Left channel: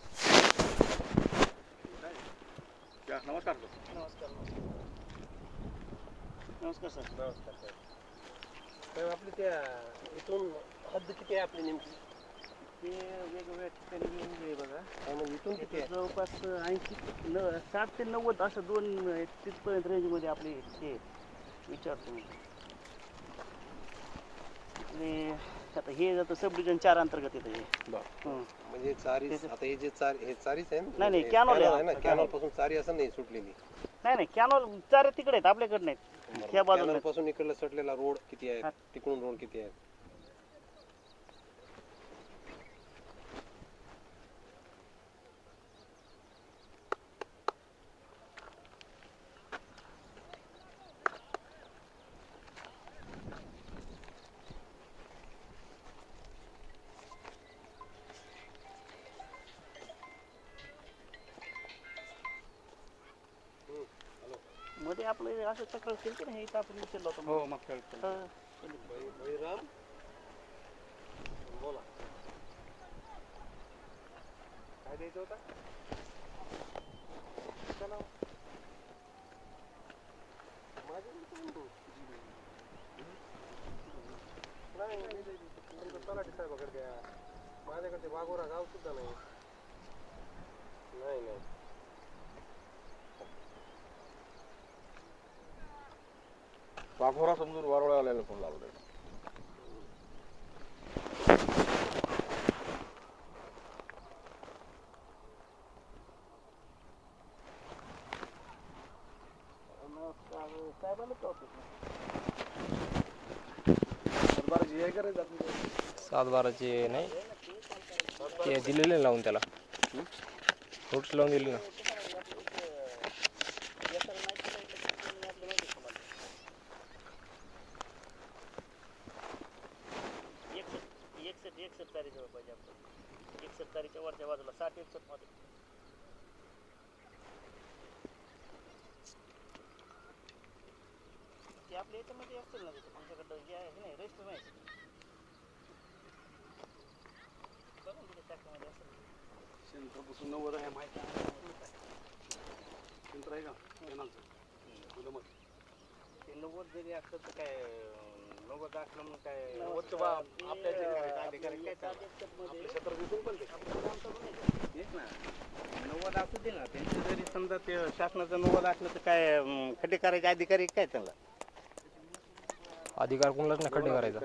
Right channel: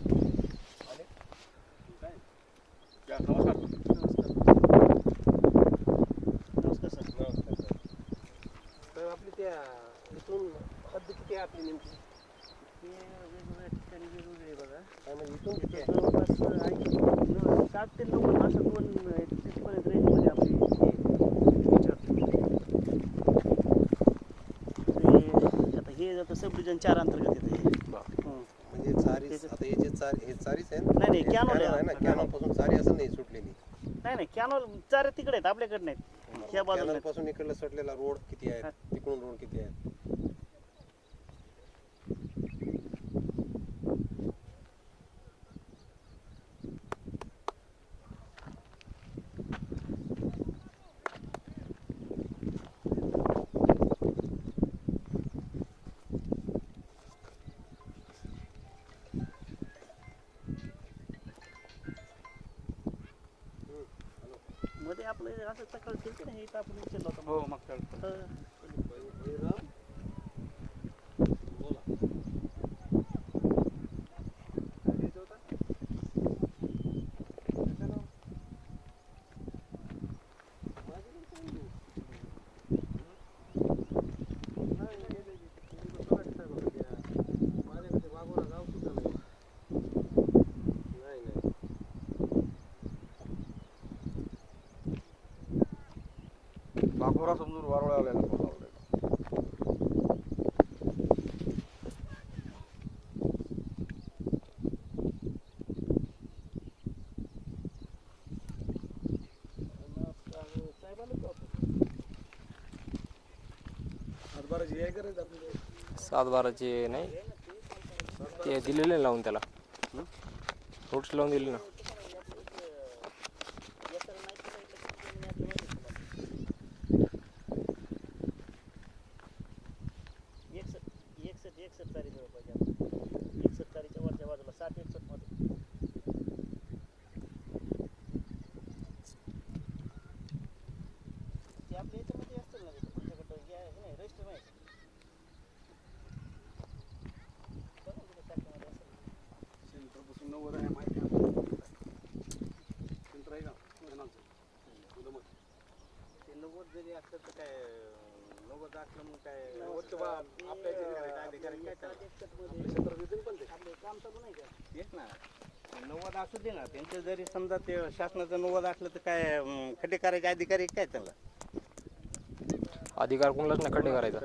नमस्कार. नमस्कार सर. नमस्कार सर. साहेब आपली त्या इथून हद्द किती आहे आपली नेमकी? ते वेगवेगळ्या ठिकाणी वेगवेगळे आहे बघा. आणि इथून किती आहे? जवळपास 60 ते 90 असं 230पर्यंत रेंजमध्ये आपली आता हे जातं सब डिव्हिजन 4 अंतर्गत येतं हे. म्हणजे चारी आता हे जे चारीच आहे नाही नाही कॅनॉल आहे ना, कॅनॉल पासून चारी असं नाही सुटलेली. नाही कॅनॉल चारे तिकडे आहेत आपल्याकडे नाहीत. ह्या बाजूला पासून इकडला सुटलेला रोड किती आहे, तिकडून रोड किती आहे? मध्ये आपलं असं सकाळी केलं ना हे इथं आपण विचारलं होतं. हो मागच्या वेळेस. बोला. काय द्यायचं होतं? माझ्याकडे वाघोरा गाव सुद्धा नाही. नाही नाही. वाघोरा समजून वारोळ्याला फोन लावला. सात बाराचे नाही ते दिलेले लावून त्याला फ्रूट्स लावून दिले ना. एकसठ तारी जवळ पाहिजे आपण. 61 तारीच्या वरच्या बाजूला 60-61 मध्ये. ते आपल्या याच्यामध्ये असतील ना तुमच्याकडं हे आहे नाही रजिस्टर नाही बघून कुठे शाखेमध्ये असेल. सेंटरपासून 90 आहे माहिती आहे. सेंटर आहे का कॅनॉलचं? मग ते 90 जरी असलं तर काय 90 असलं मग काय आपल्या अधिकारी काय क्षेत्र विकून पण ते हेच ना 90 असू दे ना. त्यांचे जरी समजा ते शासनाचं 90 असलं तर काय खड्डे करायचे अधिकारी काय त्याला अधिकार कोणालाच नाही खड्डे करायचा.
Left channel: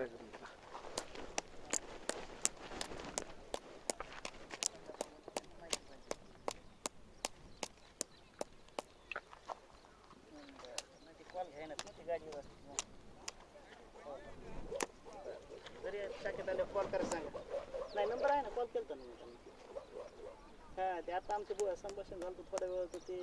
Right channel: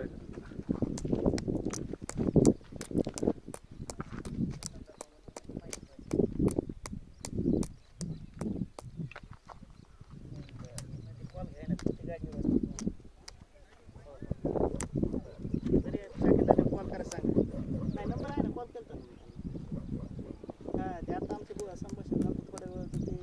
कॉल घ्याय ना तुमची गाडीवर जरी शाखेत कॉल करा सांगा. नाही नंबर आहे ना कॉल केला ना. हां ते आता आमचं संभाषण झालं थोड्या वेळ ते